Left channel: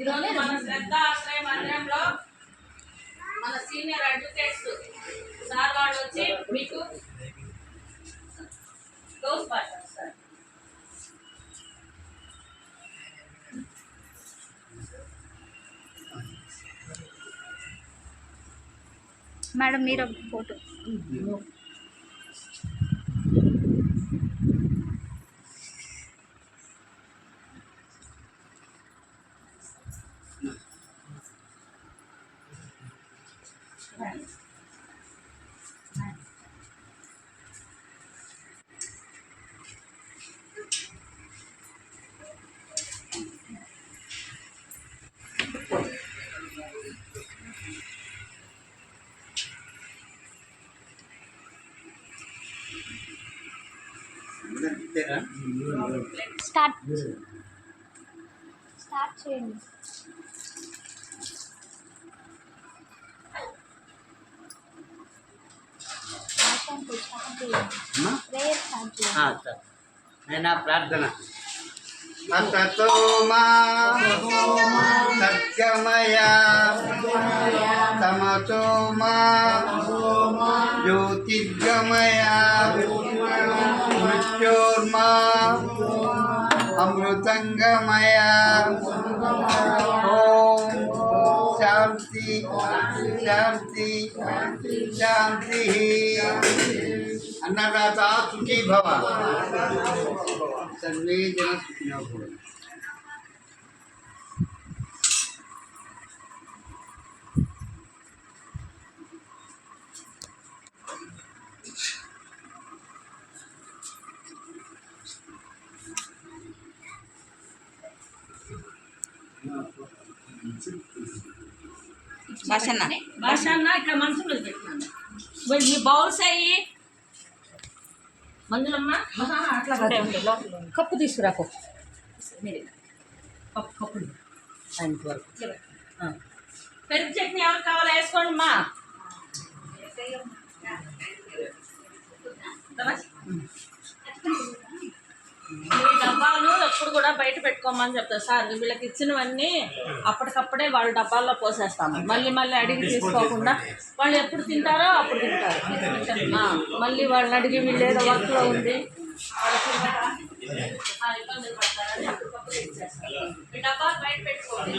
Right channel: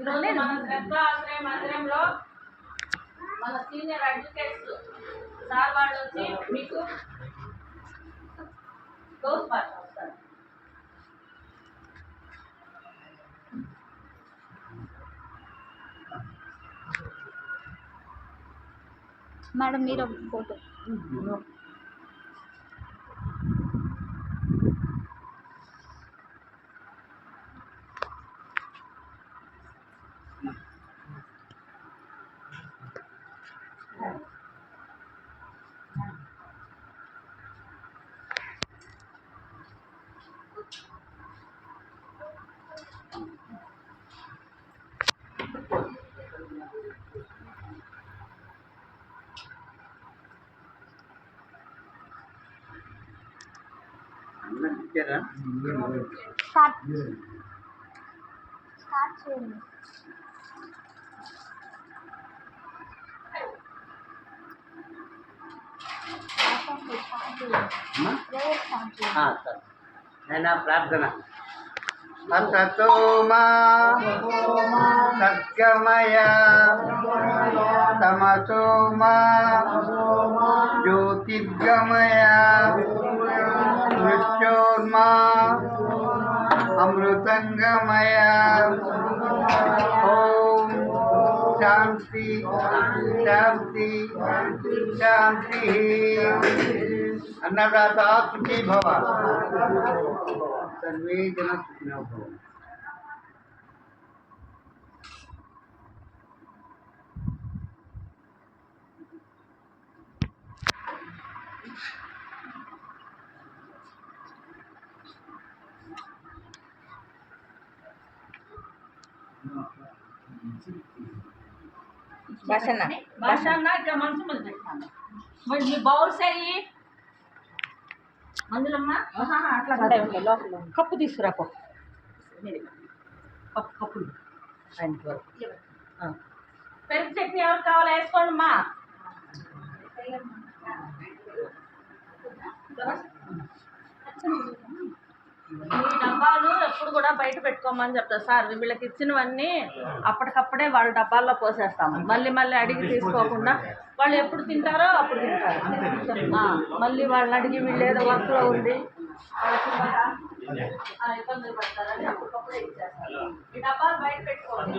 ఈరోజు మన శ్రద్ధ ఆశ్రయ మందిరంలో మన సీనియర్ అడ్వకేట్స్ సార్ వాళ్ళు వచ్చి మీకు క్లోజ్ పార్ట్ వస్తారు. మేడం మీరు ఫోటో స్టార్ట్ చేయండి. ప్రార్థన అతతోమా సద్గమయ తమతోమా జ్యోతిర్గమయ మృత్యోర్మా అమృతంగమయ. ఓం శాంతి శాంతి శాంతి. అన్నదాత సుఖీ భవ. సర్వే జన సుఖినో భవ. భాషన్న ఇక్కడ మంచం మీద పెట్టినాను. మీ బౌల్స్ అయ్యి మంజులమ్మ అట్లా లోపల కప్పు తీసుకురా. కప్పులు పెరుగు చట్నీ ఎవరికి కావాలో వేసుకోండి అమ్మా. ఈ డబ్బాలు ఎప్పుడు కూడా బయట పెట్టుకోమని చెప్తారు సార్. వీళ్ళకి ఇచ్చినవన్నీ అప్పటికప్పుడే వాళ్ళ డబ్బాల్లో పోసేస్తాము. మళ్ళీ మళ్ళీ అడిగి తీసుకోకుండా వాళ్ళు ఎప్పుడు తింటారో అప్పుడు తింటారు. మళ్ళీ వాళ్ళని అడిగి వీళ్ళు ఏదో వర్క్లో ఉంది ఇబ్బందులు పడతారని అప్పటికప్పుడే ఇచ్చేస్తారు. ఈ డబ్బాలు బయట పెట్టుకోండి.